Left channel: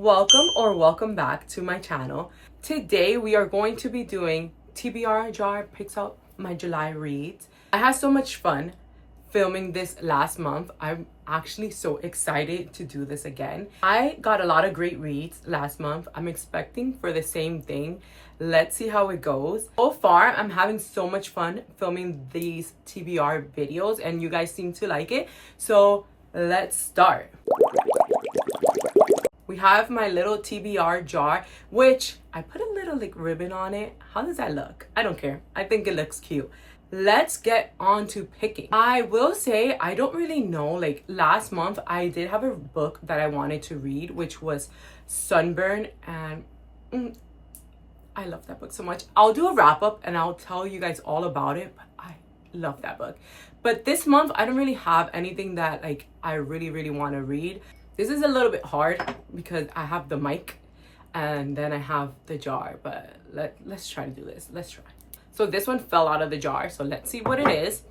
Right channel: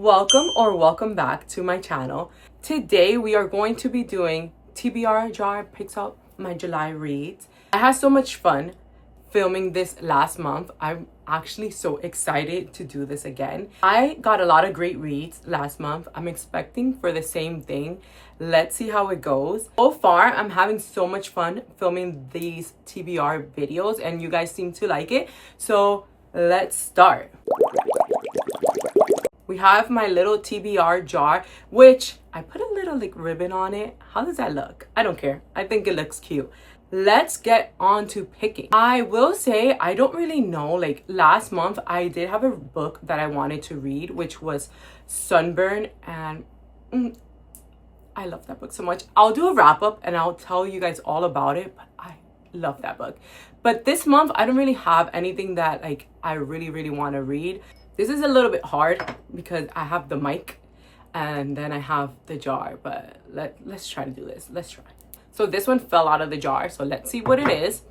Welcome back to my channel. Today we are going to be doing TBR JAR picks out my July reads. I had so much fun filming this last month. I'm actually so excited to do this again. I got a lot of great reads last month. I'm expecting for the same thing. Let's see how it goes. So far, I'm having so much fun filming these TBR videos and you guys seem to like it. So let's start. We have my little TBR jar, which I put a little ribbon on it. How does that look? I don't care. I think it looks cute. Let's get on to picking. I will say I don't really know. Last month, I did have a book that I wanted to read, which was Sunburn, and I love that book so much. I'll do a wrap up and I'll tell you guys all about it, but I love that book. But this month, I don't really have anything that I really want to read. This is a little bit hard because I have the mic and then I have the jar, but let's try to do this. Let's try. So this one fell out of the jar, so let's see what it is.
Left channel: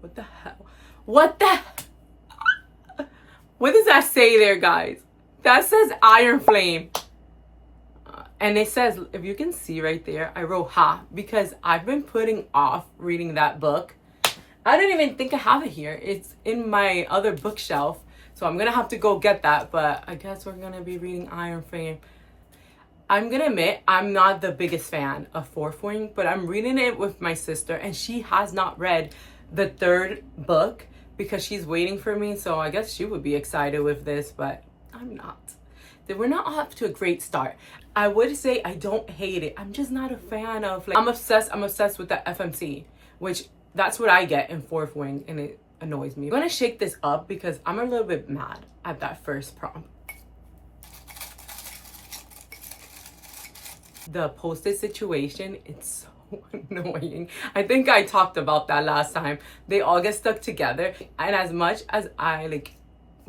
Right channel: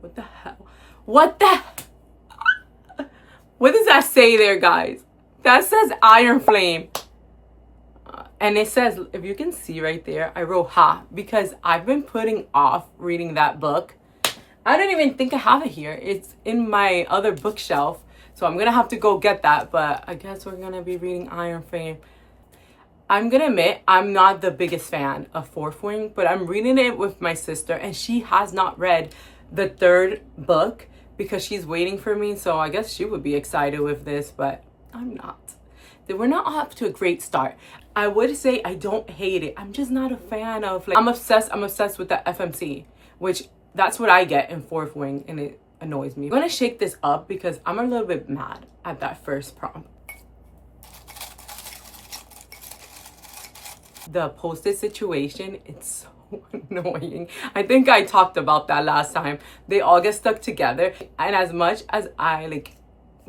What the hell? What does that say there, guys? That says Iron Flame. And it says, if you can see right there, I wrote ha because I've been putting off reading that book. I don't even think I have it here. It's in my other bookshelf. So I'm going to have to go get that. But I guess we're going to be reading Iron Flame. I'm going to admit, I'm not the biggest fan of Fourth Wing. But I'm reading it with my sister. And she has not read the third book because she's waiting for me. So I guess she would be excited with this. But I'm not. We're not off to a great start. I would say I don't hate it. I'm just not a fan of... I'm obsessed with that FMC. Which... that's what I get in Fourth Wing, and it annoys me. I'm gonna shake this up because I'm a little bit mad at that first prompt. The post-it situation, it's so annoying. I think I talked about that last time. They all get stuck together, and as much as I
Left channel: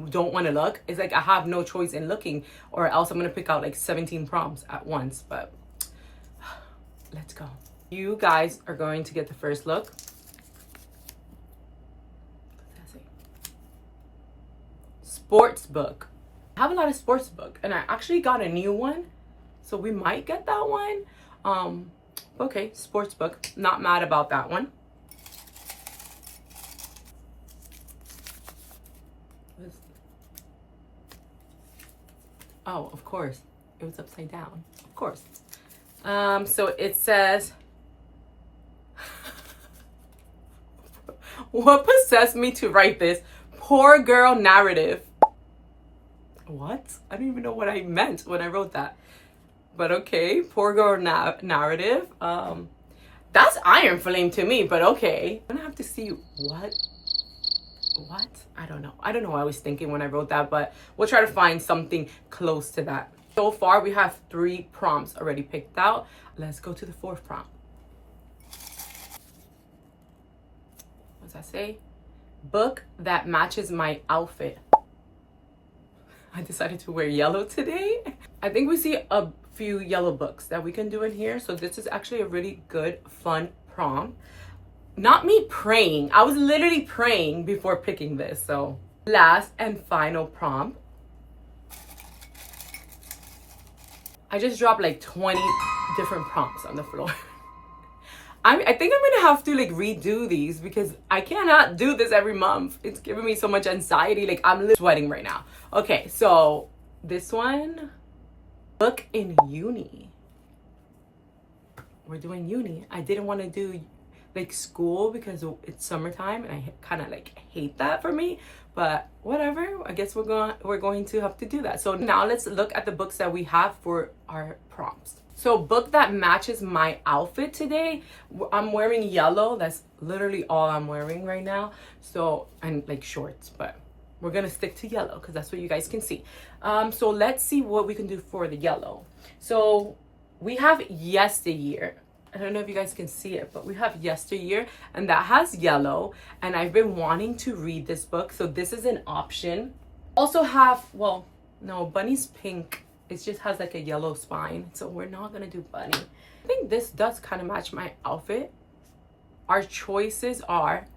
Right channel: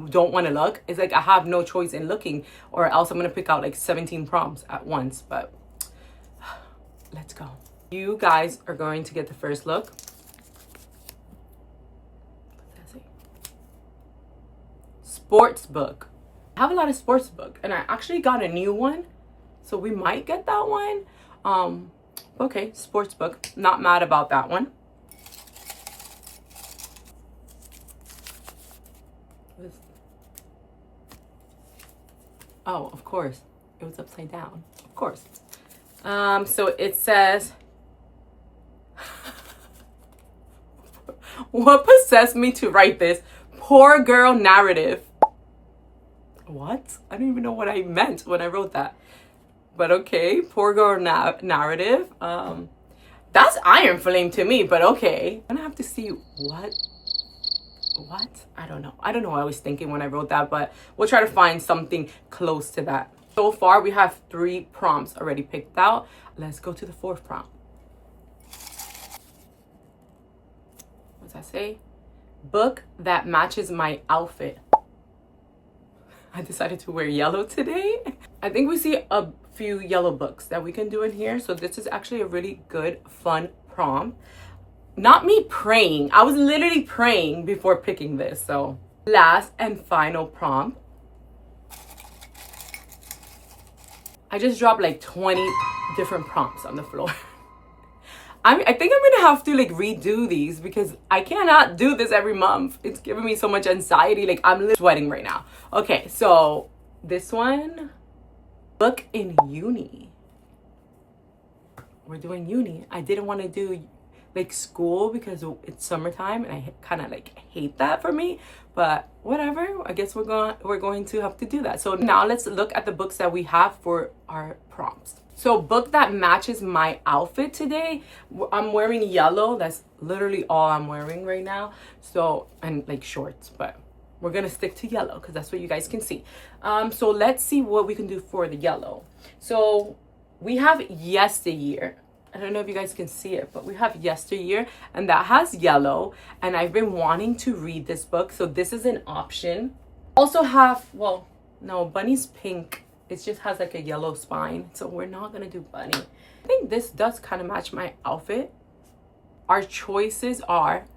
don't want to look, it's I have no choice in looking, or else I'm gonna pick out 17 prompts at once. But let's go. You guys are going to get the first look. Sports book. I have a lot of sports book and I actually got a new one, so we might get that one. Okay, sports book, not mad about that one. Oh, of course it was upside down, of course. So it says what possessed me to write this? Poor girl narrative. What? I don't even know what I meant when I wrote that. But okay, poor girl narrative. That's Iron Flame to me, but okay. I'm gonna have to see what? I don't know. I don't know what I was thinking when I wrote that, but we'll try to find something close to that. So far, we have 3 prompts already picked out. Let's go to the 4th prompt. What does that say? Book that matches my outfit. I decided to wear yellow today. I think we see a few yellow books that we can do in here. So this is actually a really good, fun prompt. Not me praying. I was literally praying before picking this. So last and final prompt. I just dropped 20 different prompts on the floor. I think I'm gonna have to redo these because I cannot do this every month. It's giving me so much anxiety. I'm literally sweating right now. Okay, so this one, book in uni. We're doing uni. I didn't want to do school because it's summertime and I kind of hate that for me. But whatever. I guess we're going to have to do that. So now let's look at the books that we have for our prompts. So book that matches my outfit today. I'm wearing yellow. That's literally all I'm wearing right now. So, and shorts, but we're going to stick to yellow because that's what you guys can see. So let's see what we can do for the yellow. So we have Yesteryear. I don't know if you guys can see it, but we have Yesteryear and that has yellow. And I've been wanting to read this book. So this is an option. Also have, well, no, Bunny's pink. It just has a yellow spine, so we're not gonna do Bunny. I think this does kind of match my outfit. Our choices are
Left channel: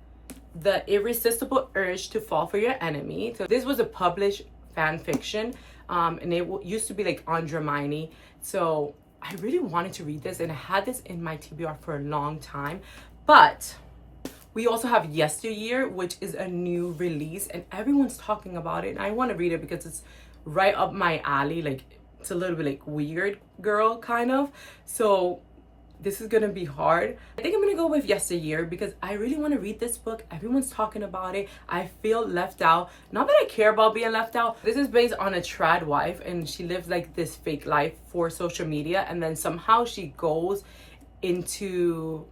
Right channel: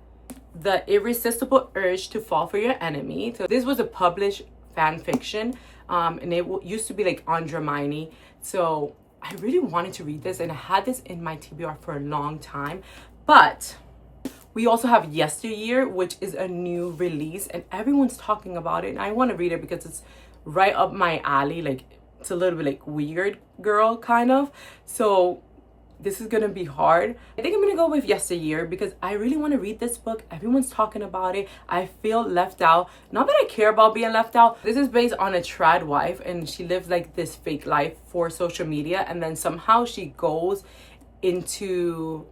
The Irresistible Urge to Fall for Your Enemy. So this was a published fan fiction and it used to be like on Dramini. So I really wanted to read this, and I had this in my TBR for a long time. But we also have Yesteryear, which is a new release, and everyone's talking about it. And I want to read it because it's right up my alley. Like, it's a little bit like weird girl kind of. So this is gonna be hard. I think I'm gonna go with Yesteryear because I really want to read this book. Everyone's talking about it. I feel left out. Not that I care about being left out. This is based on a trad wife, and she lives like this fake life for social media, and then somehow she goes into,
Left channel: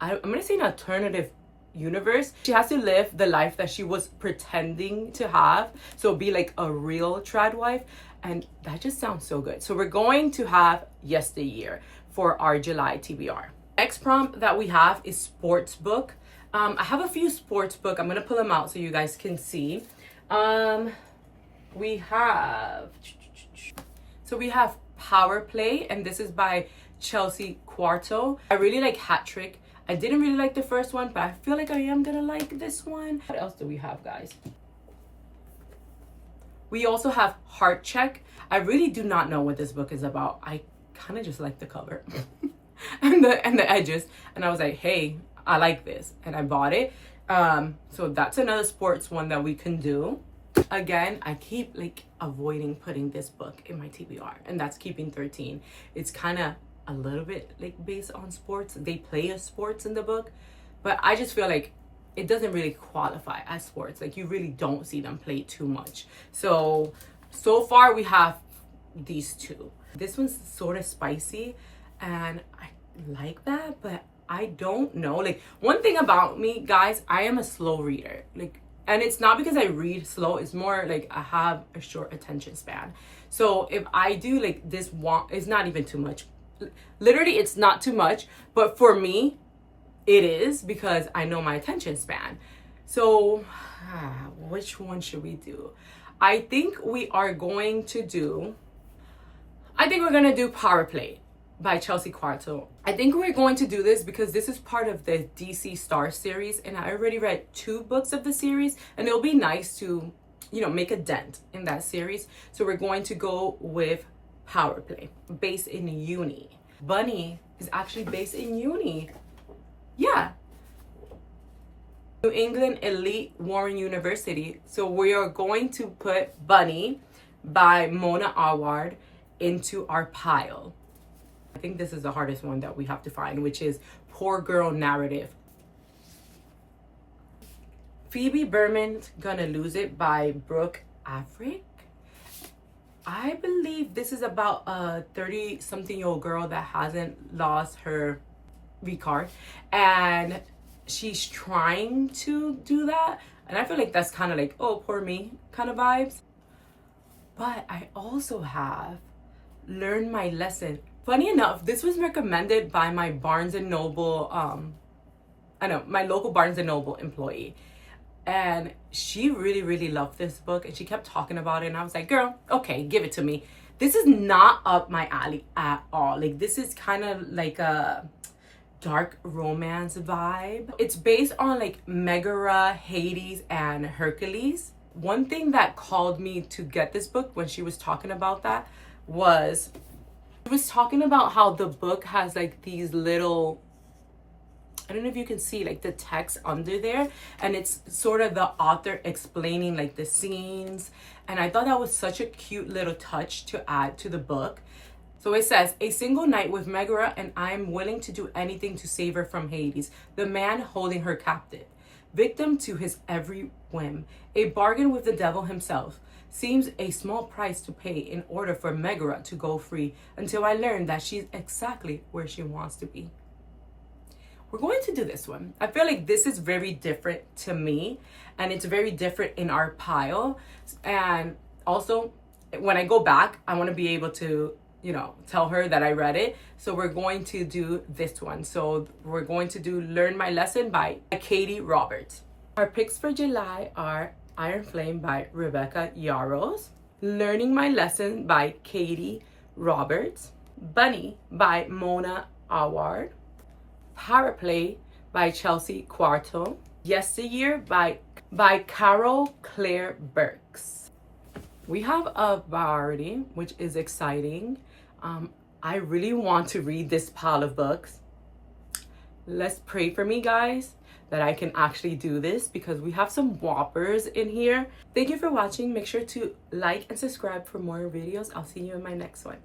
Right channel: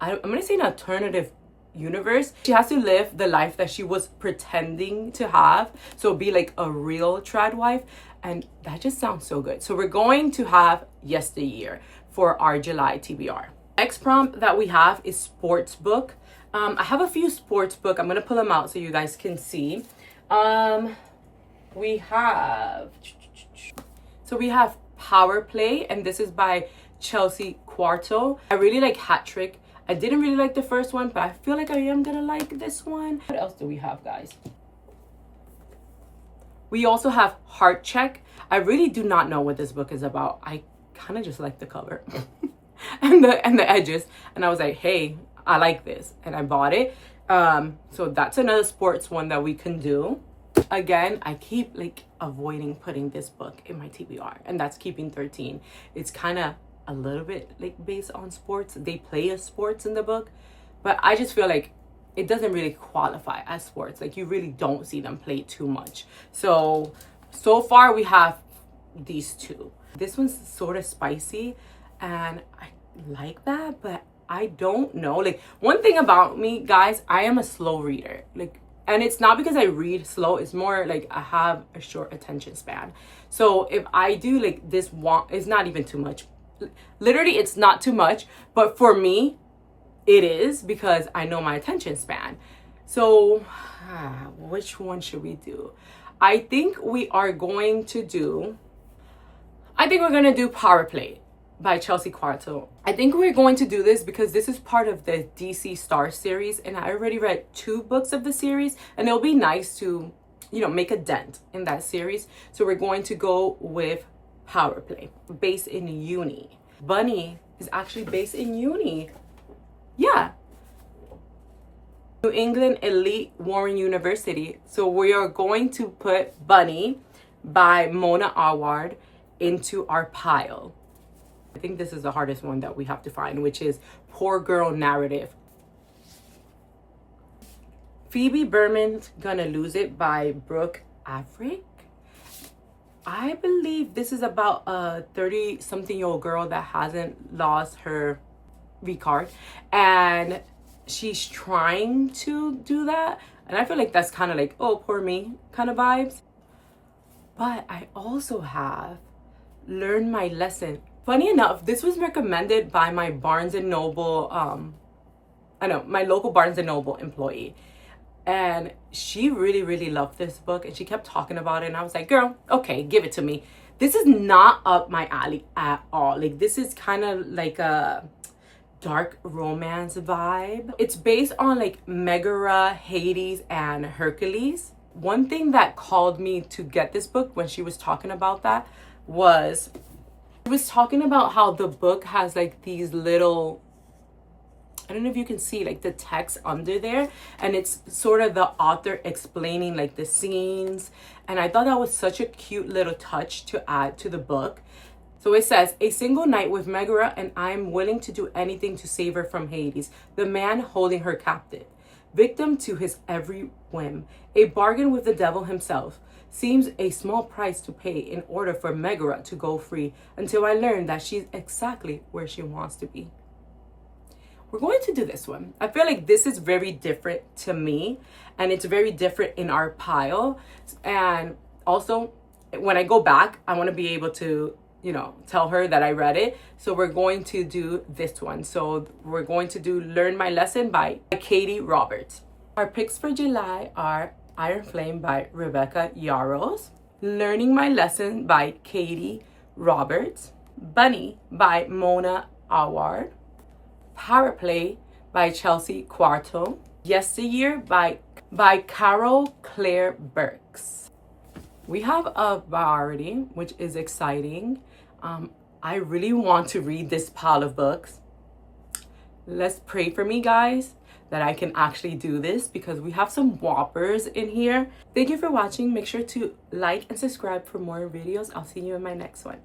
I'm gonna say, an alternative universe. She has to live the life that she was pretending to have, so be like a real trad wife, and that just sounds so good. So we're going to have Yesteryear for our July TBR. Next prompt that we have is sports book. I have a few sports book. I'm gonna pull them out so you guys can see. We have Power Play, and this is by Chelsea Quarto. I really like Hat Trick. I didn't really like the first one, but I feel like I am gonna like this one. What else do we have, guys? We also have Heart Check. I really do not know what this book is about. I kind of just like the cover and the edges, and I was like, hey, I like this, and I bought it. So that's another sports one that we can do. Again, I keep like avoiding putting this book in my TBR, and that's Keeping 13. It's kind of a little bit like based on sports. They play as sports in the book, but I just feel like it doesn't really qualify as sports. Like, you really don't see them play too much. So far we have these two. This one's sort of spicy, and I like that, but I don't know. Like, one thing about me, guys, I am a slow reader. Like, and it's not because I read slow, it's more like I have a short attention span. So if I do like this one, it's not even too much. Literally, it's not too much, but for me, it is, because I know my attention span. So which one should we do? I think we're going to do Power Play by Chelsea Quarto. I think we're going to do this because this is part of the DC Star series, and I already read 2 books of the series, and it'll be nice to, you know, make a dent in that series. So we're going to go with Power Play, based in uni. Bunny is actually based in uni. Yeah. New England Elite Warren University. So we are going to put Bunny by Mona Award into our pile. I think this is the hardest one that we have to find, which is Poor Girl Narrative. Phoebe Berman's Gonna Lose It by Brooke Averick. I believe this is about a 30-something-year-old girl that hasn't lost her V-card, and she's trying to do that. And I feel like that's kind of like, oh, poor me kind of vibes. But I also have Learn My Lesson. Funny enough, this was recommended by my Barnes & Noble, my local Barnes & Noble employee. And she really, really loved this book, and she kept talking about it. And I was like, girl, okay, give it to me. This is not up my alley at all. Like, this is kind of like a dark romance vibe. It's based on like Megara, Hades, and Hercules. One thing that called me to get this book when she was talking about that was, she was talking about how the book has like these little, I don't know if you can see like the text under there, and it's sort of the author explaining like the scenes. And I thought that was such a cute little touch to add to the book. So it says, a single night with Megara, and I am willing to do anything to save her from Hades, the man holding her captive. Victim to his every whim, a bargain with the devil himself, seems a small price to pay in order for Megara to go free, until I learn that she's exactly where she wants to be. We're going to do this one. I feel like this is very different to me, and it's very different in our pile. And also, when I go back, I want to be able to, you know, tell her that I read it. So we're going to do this one. So we're going to do Learn My Lesson by Katie Roberts. Our picks for July are Iron Flame by Rebecca Yarros, Learning My Lesson by Katie Roberts, Bunny by Mona Award, Power Play by Chelsea Quarto, Yesteryear by Carol Claire Burks. We have a variety, which is exciting. I really want to read this pile of books. Let's pray for me, guys, that I can actually do this because we have some whoppers in here. Thank you for watching. Make sure to like and subscribe for more videos. I'll see you in my next one.